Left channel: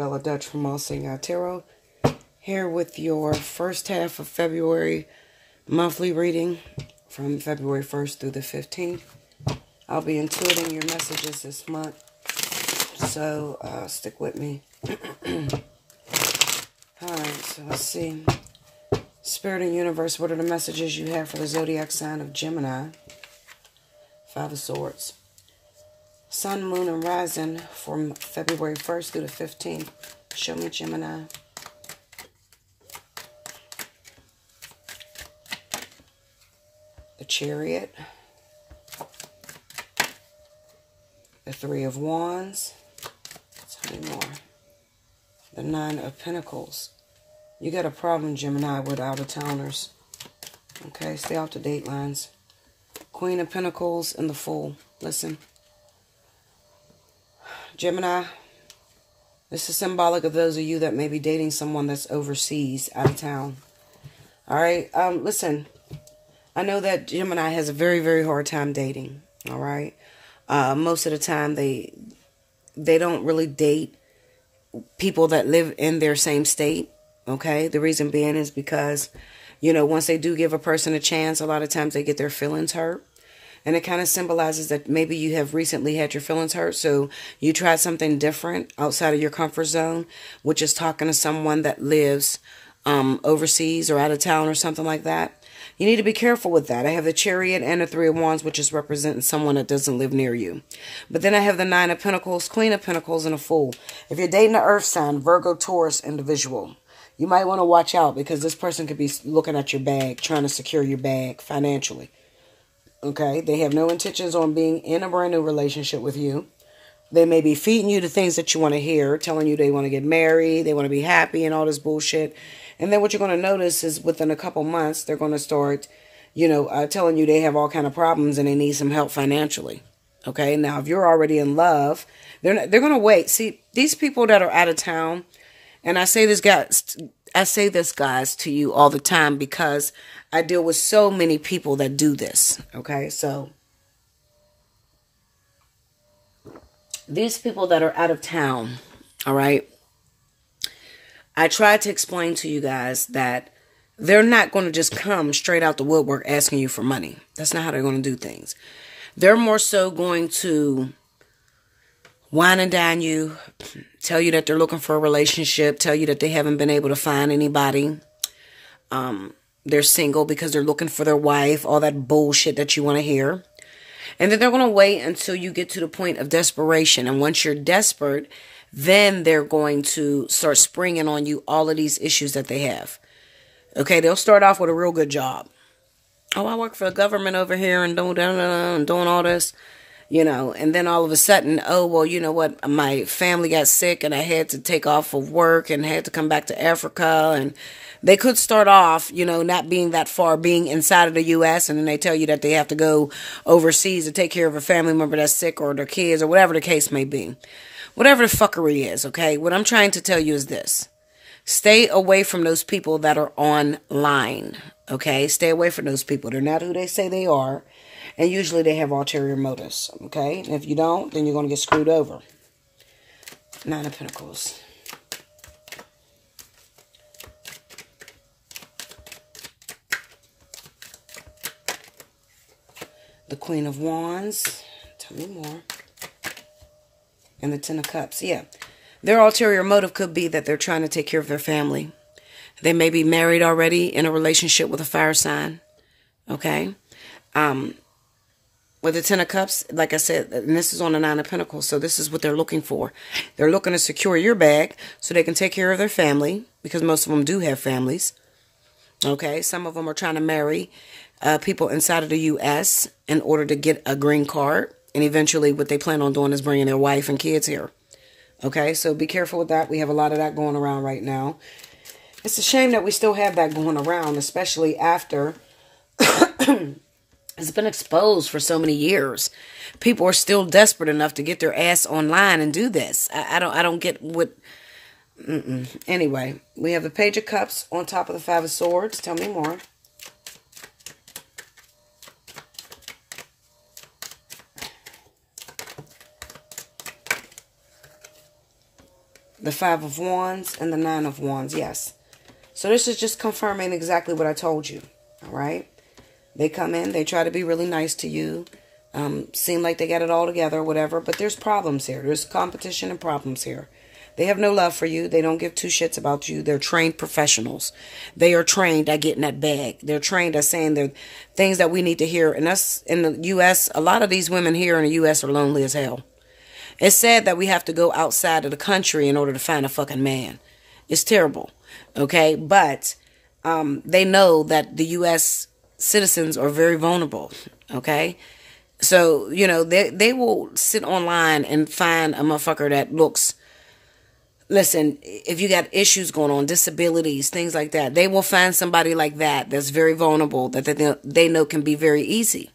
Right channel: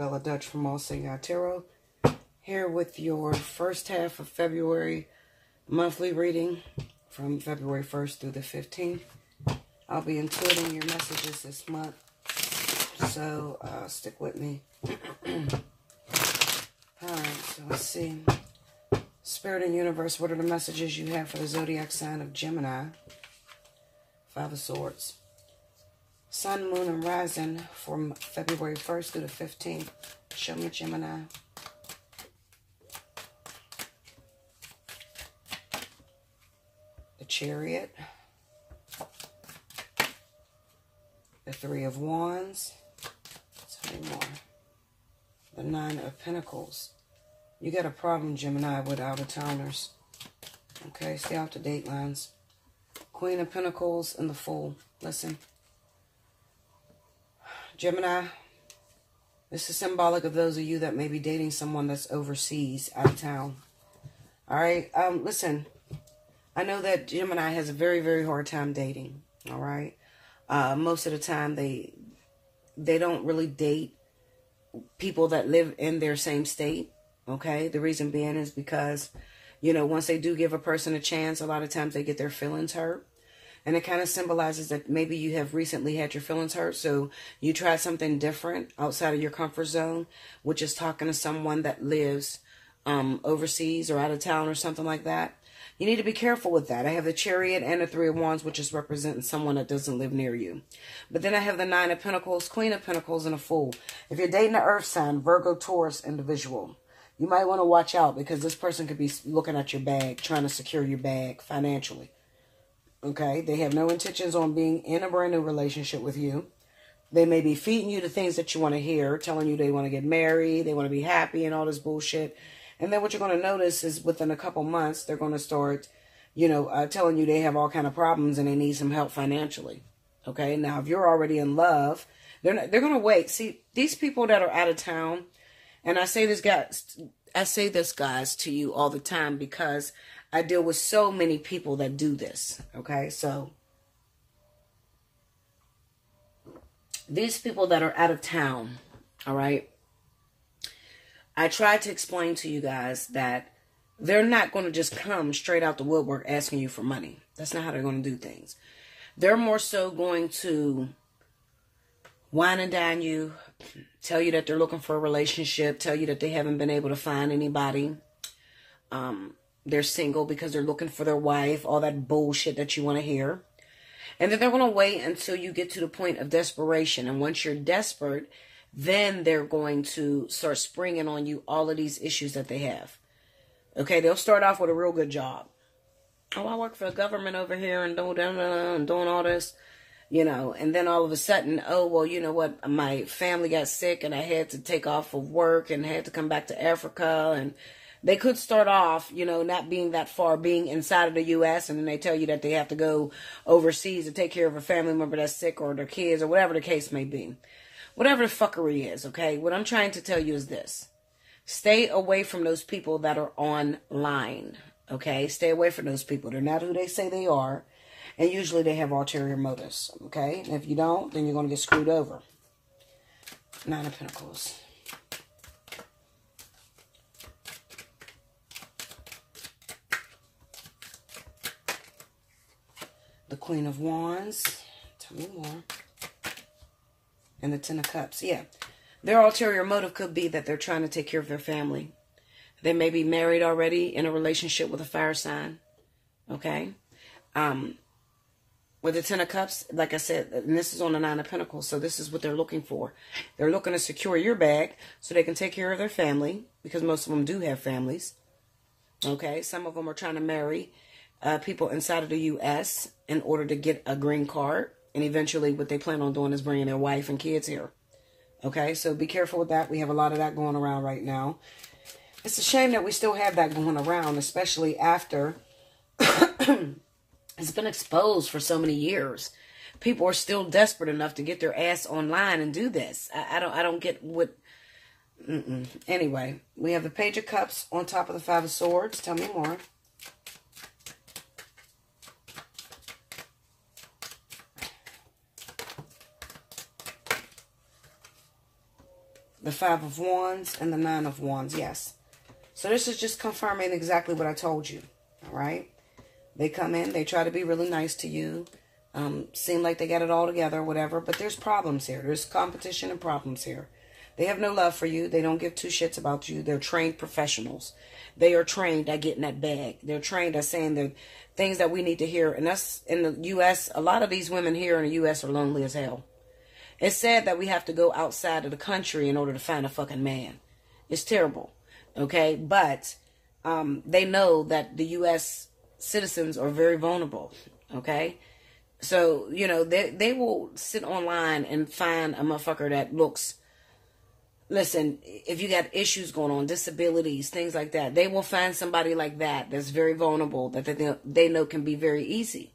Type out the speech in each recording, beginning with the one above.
Bella Dutch from Allseeingeyetarot, here with your first half of February monthly reading from February 1st through the 15th. I'll be intuiting your messages this month, so stick with me. Alright, so let's see. Spirit and Universe, what are the messages you have for the zodiac sign of Gemini? Five of Swords. Sun, Moon, and Rising from February 1st through the 15th. Show me Gemini. The Chariot. The Three of Wands. Tell me more. The Nine of Pentacles. You got a problem, Gemini, with out-of-towners. Okay, stay off the date lines. Queen of Pentacles and the Fool. Listen. Gemini, this is symbolic of those of you that may be dating someone that's overseas, out of town. All right, listen, I know that Gemini has a very, very hard time dating, all right? Most of the time, they don't really date people that live in their same state, okay? The reason being is because, you know, once they do give a person a chance, a lot of times they get their feelings hurt. And it kind of symbolizes that maybe you have recently had your feelings hurt, so you tried something different outside of your comfort zone, which is talking to someone that lives overseas or out of town or something like that. You need to be careful with that. I have the Chariot and the Three of Wands, which is representing someone that doesn't live near you. But then I have the Nine of Pentacles, Queen of Pentacles, and a Fool. If you're dating an Earth sign, Virgo, Taurus, individual, you might want to watch out because this person could be looking at your bag, trying to secure your bag financially. Okay, they have no intentions on being in a brand new relationship with you. They may be feeding you the things that you want to hear, telling you they want to get married, they want to be happy and all this bullshit. And then what you're going to notice is within a couple months, they're going to start, you know, telling you they have all kind of problems and they need some help financially. Okay, now if you're already in love, they're going to wait. See, these people that are out of town, and I say this, guys, to you all the time because I deal with so many people that do this, okay? So, these people that are out of town, all right? I tried to explain to you guys that they're not going to just come straight out the woodwork asking you for money. That's not how they're going to do things. They're more so going to wine and dine you, tell you that they're looking for a relationship, tell you that they haven't been able to find anybody. They're single because they're looking for their wife, all that bullshit that you want to hear. And then they're going to wait until you get to the point of desperation. And once you're desperate, then they're going to start springing on you all of these issues that they have. Okay, they'll start off with a real good job. Oh, I work for the government over here and doing all this. You know, and then all of a sudden, oh, well, you know what, my family got sick and I had to take off of work and had to come back to Africa. And they could start off, you know, not being that far, being inside of the U.S. And then they tell you that they have to go overseas to take care of a family member that's sick or their kids or whatever the case may be. Whatever the fuckery is, okay? What I'm trying to tell you is this. Stay away from those people that are online, okay? Stay away from those people. They're not who they say they are. And usually they have ulterior motives, okay? And if you don't, then you're going to get screwed over. Nine of Pentacles. The Queen of Wands. Tell me more. And the Ten of Cups. Yeah. Their ulterior motive could be that they're trying to take care of their family. They may be married already in a relationship with a fire sign, okay? With the Ten of Cups, like I said, and this is on the Nine of Pentacles, so this is what they're looking for. They're looking to secure your bag so they can take care of their family, because most of them do have families. Okay, some of them are trying to marry people inside of the U.S. in order to get a green card, and eventually what they plan on doing is bringing their wife and kids here. Okay, so be careful with that. We have a lot of that going around right now. It's a shame that we still have that going around, especially after it's been exposed for so many years. People are still desperate enough to get their ass online and do this. I don't get what... Anyway, we have the Page of Cups on top of the Five of Swords. Tell me more. the Five of Wands, and the Nine of Wands. Yes. So this is just confirming exactly what I told you. All right. They come in. They try to be really nice to you. Seem like they got it all together, whatever. But there's problems here. There's competition and problems here. They have no love for you. They don't give two shits about you. They're trained professionals. They are trained at getting that bag. They're trained at saying the things that we need to hear. And us in the U.S., a lot of these women here in the U.S. are lonely as hell. It's sad that we have to go outside of the country in order to find a fucking man. It's terrible. Okay? But they know that the U.S. citizens are very vulnerable. Okay? So, you know, they will sit online and find a motherfucker that looks... Listen, if you got issues going on, disabilities, things like that, they will find somebody like that that's very vulnerable, that they know can be very easy.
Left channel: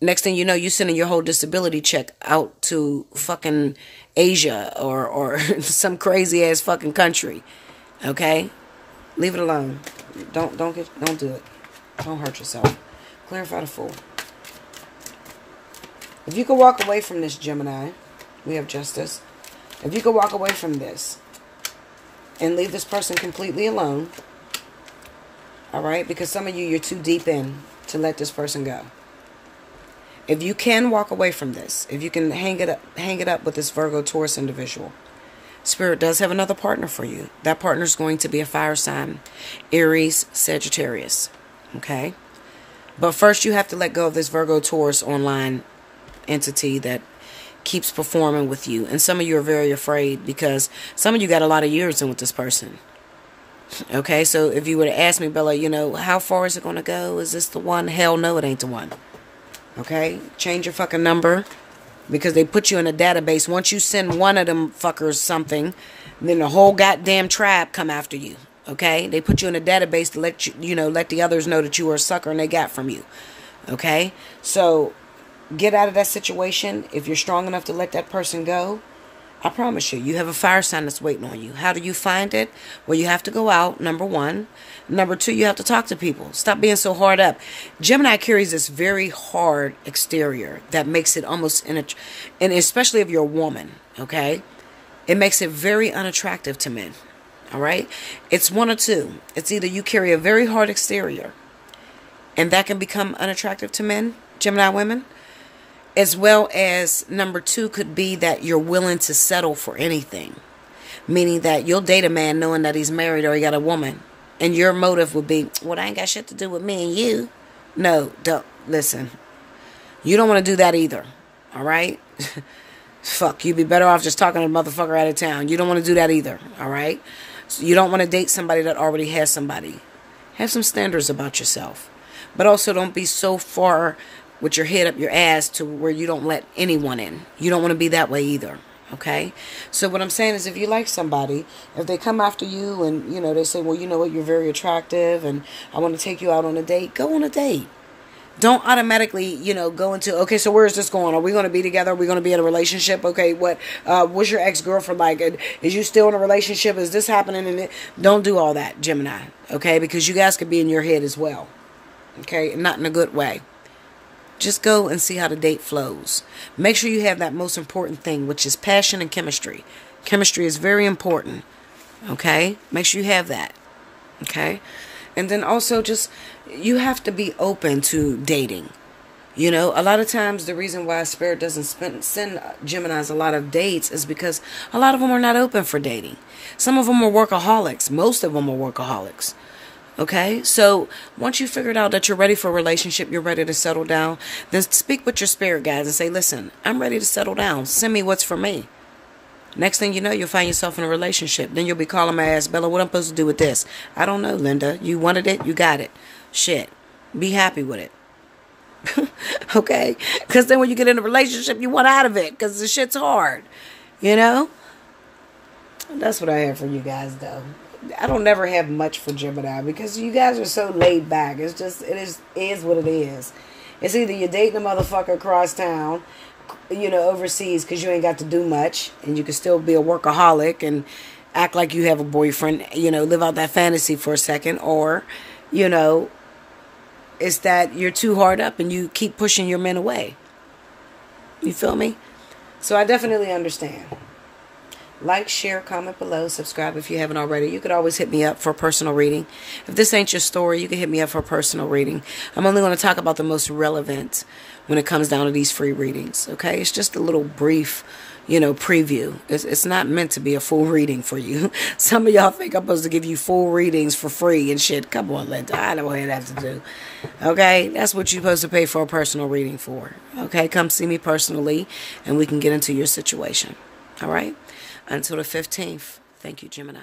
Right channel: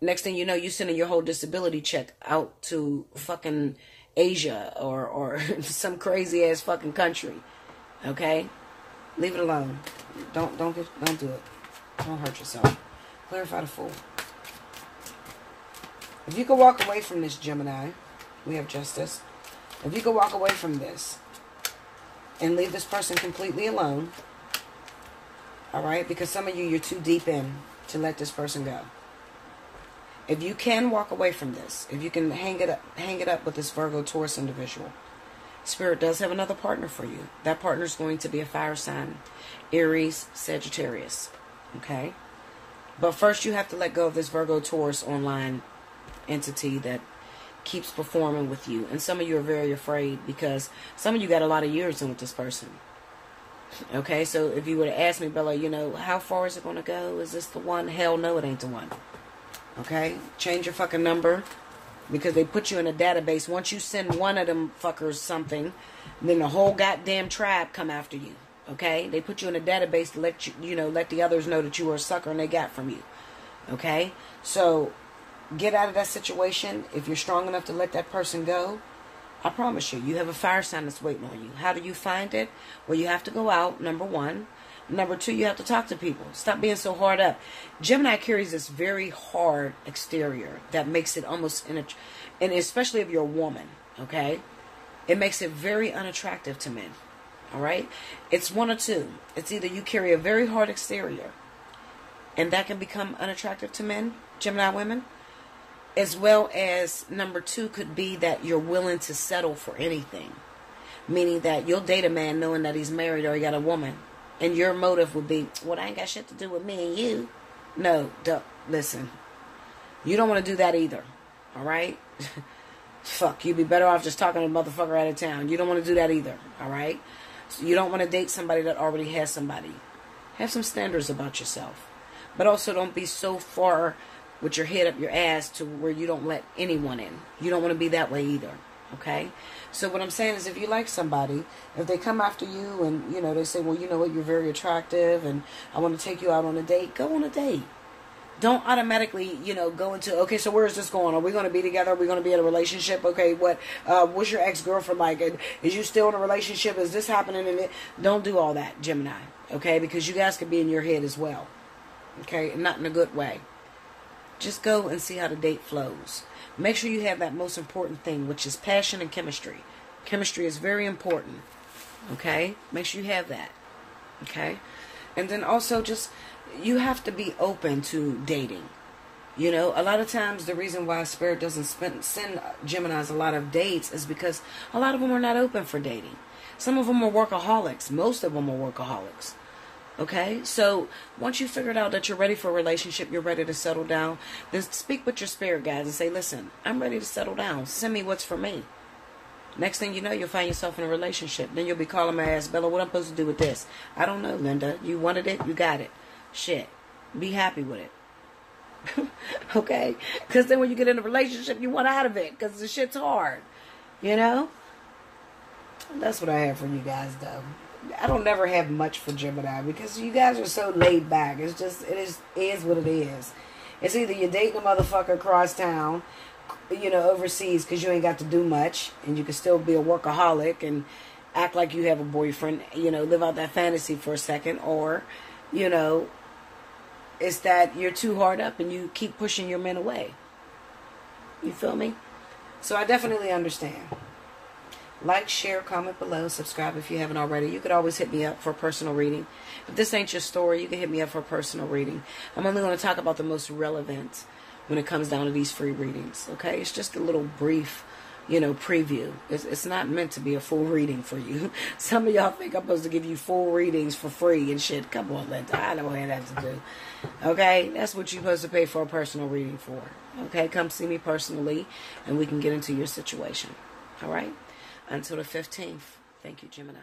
Next thing you know, you're sending your whole disability check out to fucking Asia or some crazy ass fucking country. Okay? Leave it alone. Don't do it. Don't hurt yourself. Clarify the Fool. If you could walk away from this, Gemini, we have Justice. If you could walk away from this and leave this person completely alone, all right? Because some of you, you're too deep in to let this person go. If you can walk away from this, if you can hang it up with this Virgo Taurus individual, Spirit does have another partner for you. That partner is going to be a fire sign, Aries, Sagittarius, okay? But first, you have to let go of this Virgo Taurus online entity that keeps performing with you. And some of you are very afraid because some of you got a lot of years in with this person. Okay, so if you would have asked me, Bella, you know, how far is it going to go? Is this the one? Hell no, it ain't the one. Okay, change your fucking number because they put you in a database. Once you send one of them fuckers something, then the whole goddamn tribe come after you. Okay, they put you in a database to let you know, let the others know that you were a sucker and they got from you. Okay, so get out of that situation. If you're strong enough to let that person go, I promise you, you have a fire sign that's waiting on you. How do you find it? Well, you have to go out, number one. Number two, you have to talk to people. Stop being so hard up. Gemini carries this very hard exterior that makes it almost, and especially if you're a woman, okay? It makes it very unattractive to men, all right? It's one or two. It's either you carry a very hard exterior, and that can become unattractive to men, Gemini women, as well as number two could be that you're willing to settle for anything. Meaning that you'll date a man knowing that he's married or he got a woman. And your motive would be, well, that ain't got shit to do with me and you. No, don't. Listen. You don't want to do that either. All right? Fuck, you'd be better off just talking to a motherfucker out of town. You don't want to do that either. All right? So you don't want to date somebody that already has somebody. Have some standards about yourself. But also don't be so far with your head up your ass to where you don't let anyone in. You don't want to be that way either. Okay? So what I'm saying is if you like somebody, if they come after you and, you know, they say, well, you know what, you're very attractive and I want to take you out on a date, go on a date. Don't automatically, you know, go into, okay, so where is this going? Are we going to be together? Are we going to be in a relationship? Okay, what's your ex-girlfriend like? Is you still in a relationship? Is this happening? And don't do all that, Gemini. Okay? Because you guys could be in your head as well. Okay? And not in a good way. Just go and see how the date flows. Make sure you have that most important thing, which is passion and chemistry. Chemistry is very important. Okay? Make sure you have that. Okay? And then also just, you have to be open to dating. You know, a lot of times the reason why Spirit doesn't send Geminis a lot of dates is because a lot of them are not open for dating. Some of them are workaholics. Most of them are workaholics. Okay, so once you figured out that you're ready for a relationship, you're ready to settle down, then speak with your spirit guides and say, listen, I'm ready to settle down. Send me what's for me. Next thing you know, you'll find yourself in a relationship. Then you'll be calling my ass, Bella, what I'm supposed to do with this? I don't know, Linda. You wanted it, you got it. Shit. Be happy with it. Okay? Because then when you get in a relationship, you want out of it because the shit's hard. You know? That's what I have for you guys, though. I don't never have much for Gemini because you guys are so laid back. It's just, it is what it is. It's either you're dating a motherfucker across town, you know, overseas because you ain't got to do much and you can still be a workaholic and act like you have a boyfriend, you know, live out that fantasy for a second, or, you know, it's that you're too hard up and you keep pushing your men away. You feel me? So I definitely understand. Like, share, comment below, subscribe if you haven't already. You could always hit me up for a personal reading. If this ain't your story, you can hit me up for a personal reading. I'm only going to talk about the most relevant when it comes down to these free readings, okay? It's just a little brief, preview. It's not meant to be a full reading for you. Some of y'all think I'm supposed to give you full readings for free and shit. Come on, Linda. I know what that has to do. Okay? That's what you're supposed to pay for a personal reading for. Okay? Come see me personally, and we can get into your situation. All right? Until the 15th. Thank you, Gemini.